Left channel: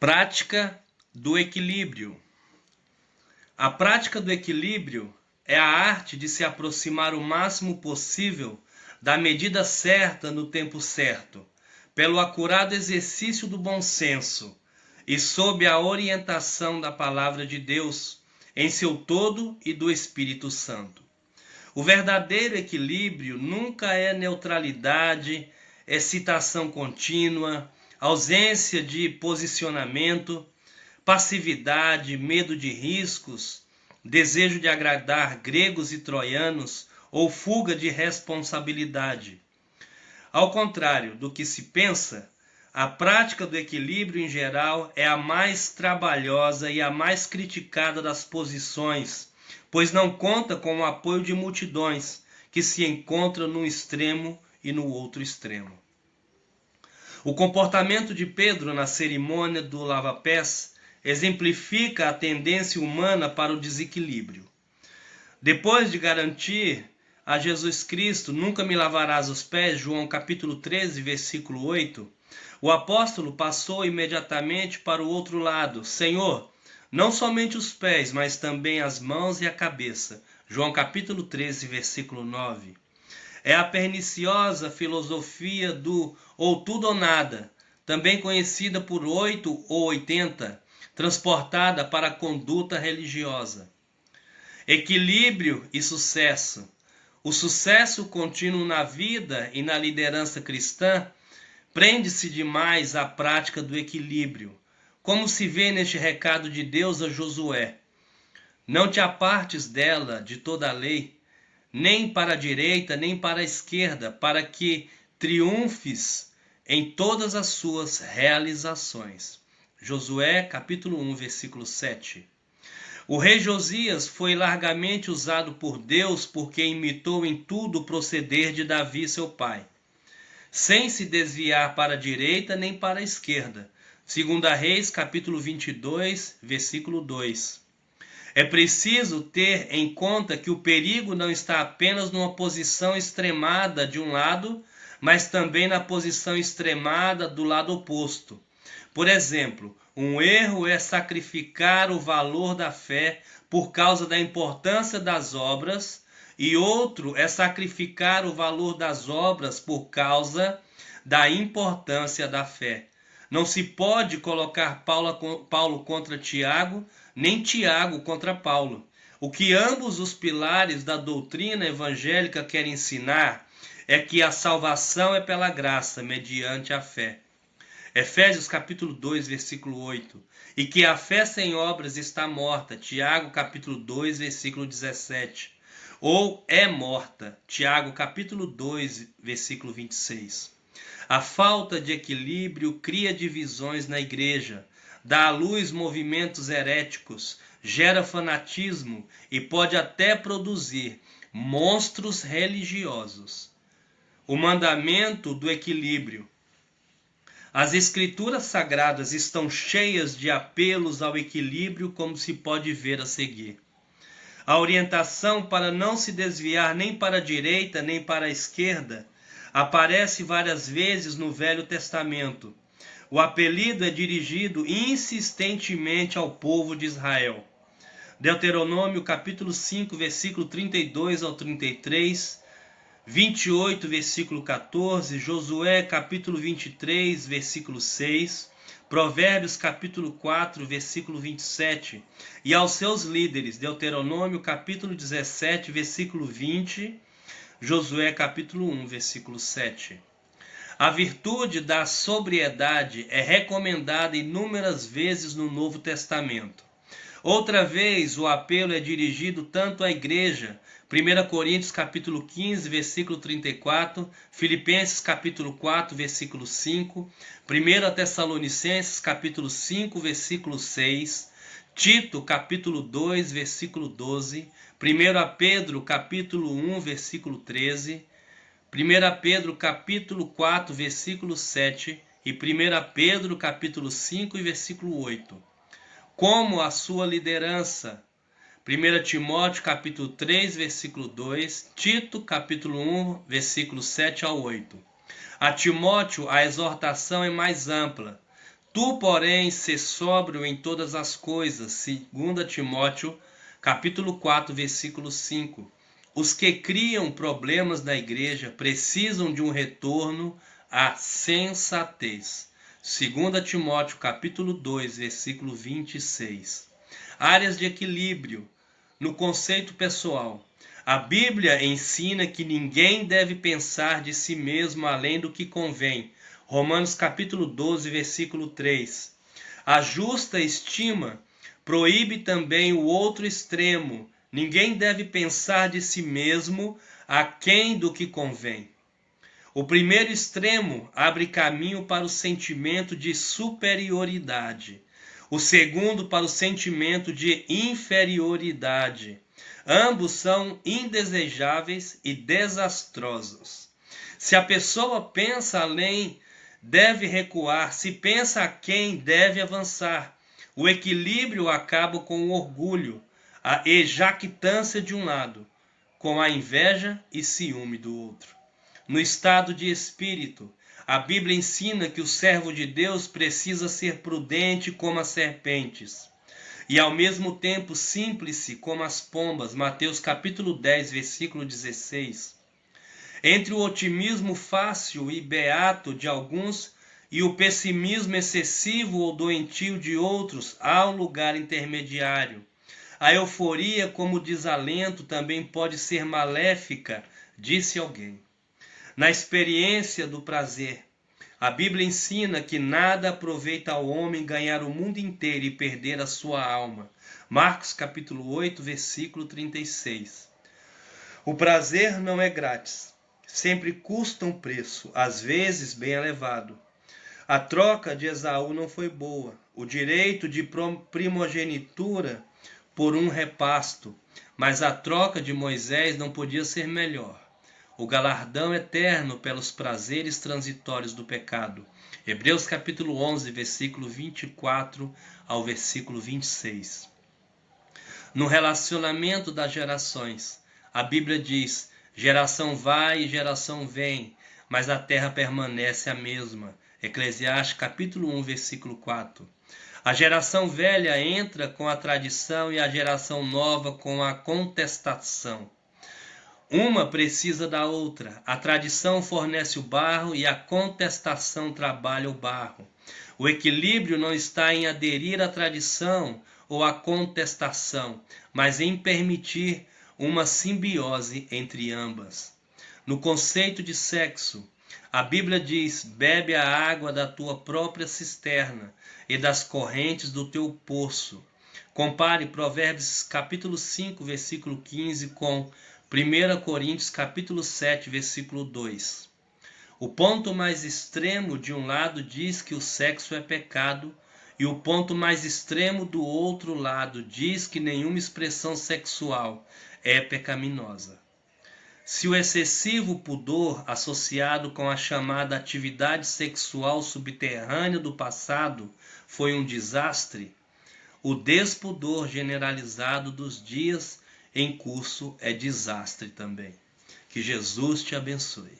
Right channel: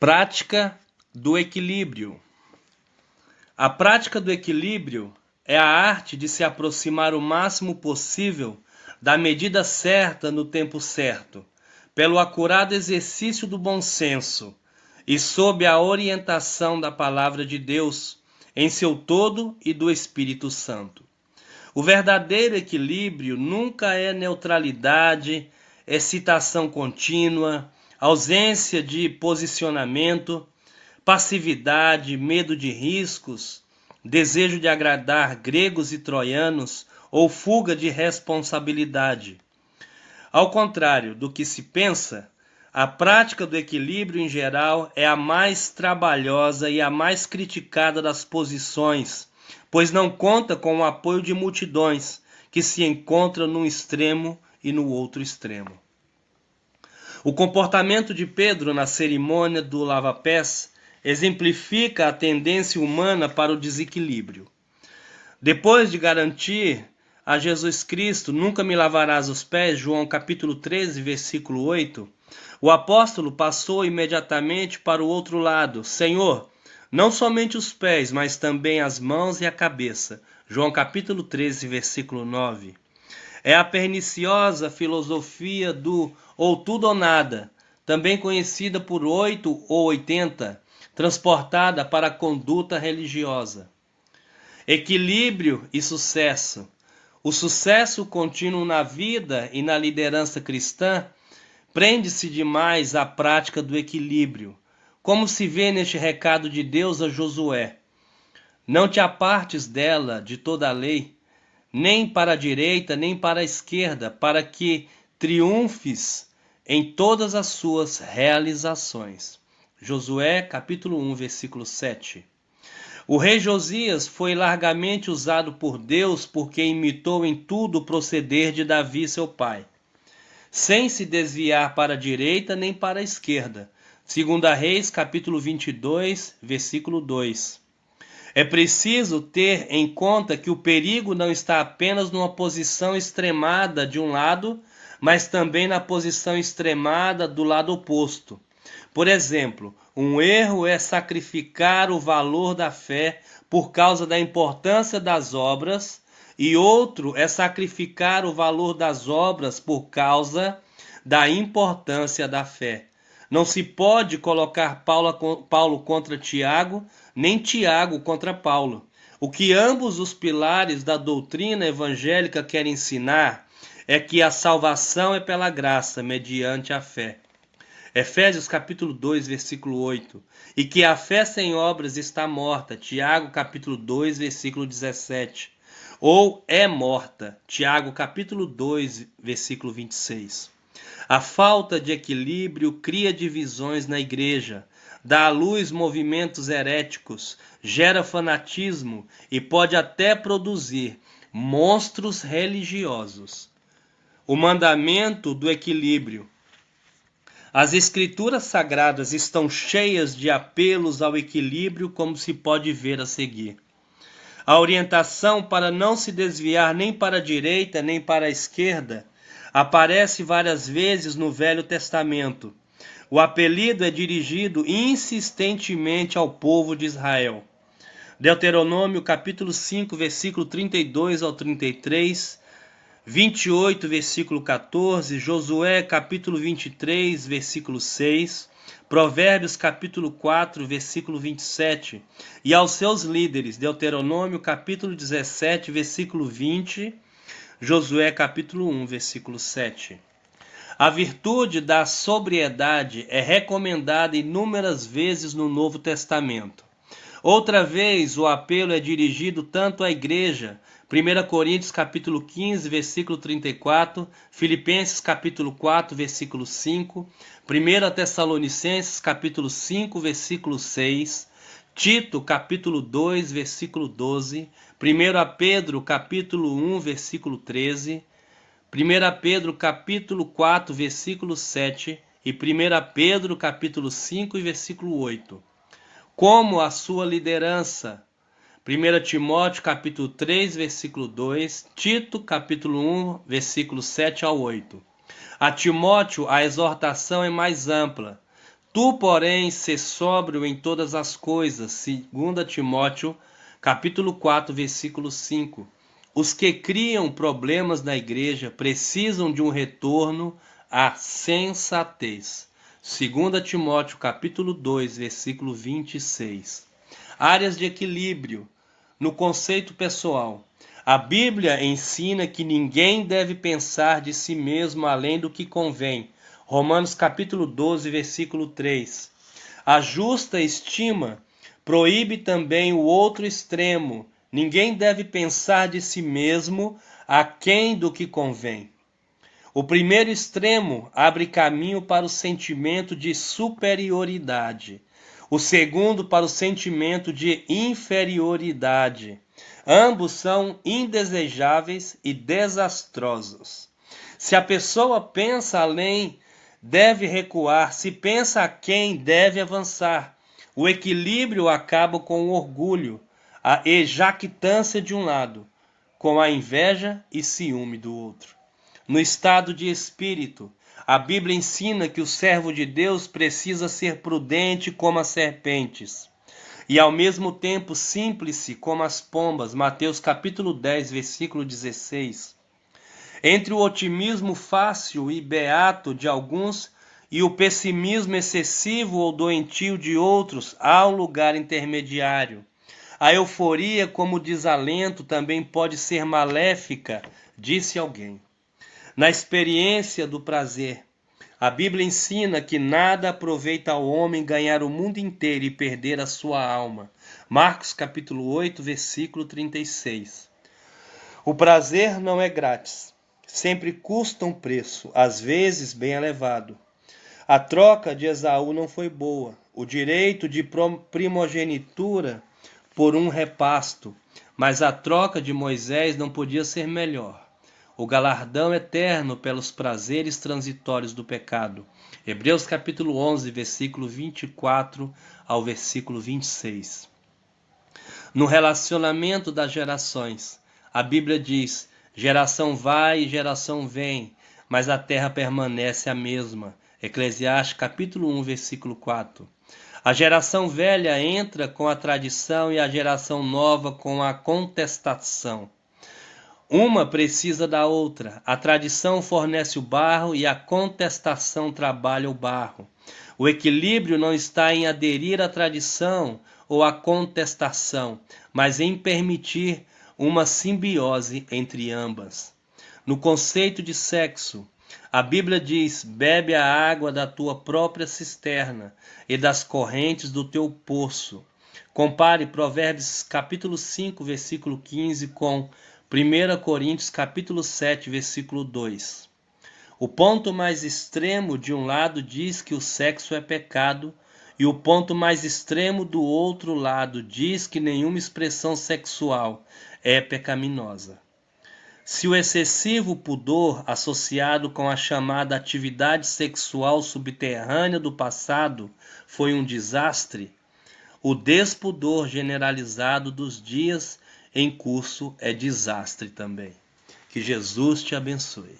Prática do equilíbrio. A prática do equilíbrio é a arte de se aproximar o máximo possível da medida certa no tempo certo, pelo acurado exercício do bom senso e sob a orientação da Palavra de Deus em seu todo e do Espírito Santo. O verdadeiro equilíbrio nunca é neutralidade, excitação contínua, ausência de posicionamento, passividade, medo de riscos, desejo de agradar gregos e troianos ou fuga de responsabilidade. Ao contrário do que se pensa, a prática do equilíbrio em geral é a mais trabalhosa e a mais criticada das posições, pois não conta com o apoio de multidões que se encontram num extremo e no outro extremo. O comportamento de Pedro na cerimônia do lava-pés exemplifica a tendência humana para o desequilíbrio. Depois de garantir a Jesus Cristo, nunca me lavarás os pés, João capítulo 13, versículo 8, o apóstolo passou imediatamente para o outro lado. Senhor, não somente os pés, mas também as mãos e a cabeça. João capítulo 13, versículo 9. É a perniciosa filosofia do ou tudo ou nada, também conhecida por 8 ou 80, transportada para a conduta religiosa. Equilíbrio e sucesso. O sucesso contínuo na vida e na liderança cristã prende-se demais à prática do equilíbrio, como se vê neste recado de Deus a Josué. Não te apartes dela, de toda a lei, nem para a direita, nem para a esquerda, para que triunfes em todas as suas realizações. Josué, capítulo 1, versículo 7. O rei Josias foi largamente usado por Deus porque imitou em tudo o proceder de Davi, seu pai, sem se desviar para a direita nem para a esquerda. 2 Reis, capítulo 22, versículo 2. É preciso ter em conta que o perigo não está apenas numa posição extremada de um lado, mas também na posição extremada do lado oposto. Por exemplo, um erro é sacrificar o valor da fé por causa da importância das obras, e outro é sacrificar o valor das obras por causa da importância da fé. Não se pode colocar Paulo contra Tiago, nem Tiago contra Paulo. O que ambos os pilares da doutrina evangélica querem ensinar é que a salvação é pela graça, mediante a fé. Efésios capítulo 2, versículo 8. E que a fé sem obras está morta. Tiago capítulo 2, versículo 17. Ou é morta. Tiago capítulo 2, versículo 26. A falta de equilíbrio cria divisões na igreja, dá à luz movimentos heréticos, gera fanatismo e pode até produzir monstros religiosos. O mandamento do equilíbrio. As escrituras sagradas estão cheias de apelos ao equilíbrio, como se pode ver a seguir. A orientação para não se desviar nem para a direita nem para a esquerda aparece várias vezes no Velho Testamento. O apelido é dirigido insistentemente ao povo de Israel. Deuteronômio capítulo 5, versículo 32 ao 33, 28, versículo 14, Josué, capítulo 23, versículo 6, Provérbios, capítulo 4, versículo 27, e aos seus líderes, Deuteronômio, capítulo 17, versículo 20, Josué, capítulo 1, versículo 7. A virtude da sobriedade é recomendada inúmeras vezes no Novo Testamento. Outra vez, o apelo é dirigido tanto à igreja, 1 Coríntios capítulo 15, versículo 34, Filipenses capítulo 4, versículo 5, 1 Tessalonicenses capítulo 5, versículo 6, Tito capítulo 2, versículo 12, 1 Pedro capítulo 1, versículo 13, 1 Pedro capítulo 4, versículo 7 e 1 Pedro capítulo 5 e versículo 8. Como a sua liderança. 1 Timóteo capítulo 3, versículo 2, Tito capítulo 1, versículo 7 ao 8. A Timóteo a exortação é mais ampla. Tu, porém, sê sóbrio em todas as coisas. 2 Timóteo, capítulo 4, versículo 5. Os que criam problemas na igreja precisam de um retorno à sensatez. 2 Timóteo, capítulo 2, versículo 26. Áreas de equilíbrio. No conceito pessoal, a Bíblia ensina que ninguém deve pensar de si mesmo além do que convém. Romanos capítulo 12, versículo 3. A justa estima proíbe também o outro extremo. Ninguém deve pensar de si mesmo aquém do que convém. O primeiro extremo abre caminho para o sentimento de superioridade. O segundo para o sentimento de inferioridade. Ambos são indesejáveis e desastrosos. Se a pessoa pensa além, deve recuar. Se pensa aquém, deve avançar. O equilíbrio acaba com o orgulho, a jactância de um lado, com a inveja e ciúme do outro. No estado de espírito, a Bíblia ensina que o servo de Deus precisa ser prudente como as serpentes e ao mesmo tempo simples como as pombas. Mateus capítulo 10, versículo 16. Entre o otimismo fácil e beato de alguns e o pessimismo excessivo ou doentio de outros, há um lugar intermediário. A euforia como desalento também pode ser maléfica, disse alguém. Na experiência do prazer, a Bíblia ensina que nada aproveita ao homem ganhar o mundo inteiro e perder a sua alma. Marcos capítulo 8, versículo 36. O prazer não é grátis, sempre custa um preço, às vezes bem elevado. A troca de Esaú não foi boa, o direito de primogenitura por um repasto, mas a troca de Moisés não podia ser melhor. O galardão eterno pelos prazeres transitórios do pecado. Hebreus capítulo 11, versículo 24 ao versículo 26. No relacionamento das gerações, a Bíblia diz: geração vai e geração vem, mas a terra permanece a mesma. Eclesiastes capítulo 1, versículo 4. A geração velha entra com a tradição e a geração nova com a contestação. Uma precisa da outra. A tradição fornece o barro e a contestação trabalha o barro. O equilíbrio não está em aderir à tradição ou à contestação, mas em permitir uma simbiose entre ambas. No conceito de sexo, a Bíblia diz: bebe a água da tua própria cisterna e das correntes do teu poço. Compare Provérbios capítulo 5, versículo 15 com 1 Coríntios capítulo 7, versículo 2. O ponto mais extremo de um lado diz que o sexo é pecado, e o ponto mais extremo do outro lado diz que nenhuma expressão sexual é pecaminosa. Se o excessivo pudor associado com a chamada atividade sexual subterrânea do passado foi um desastre, o despudor generalizado dos dias em curso é desastre também. Que Jesus te abençoe.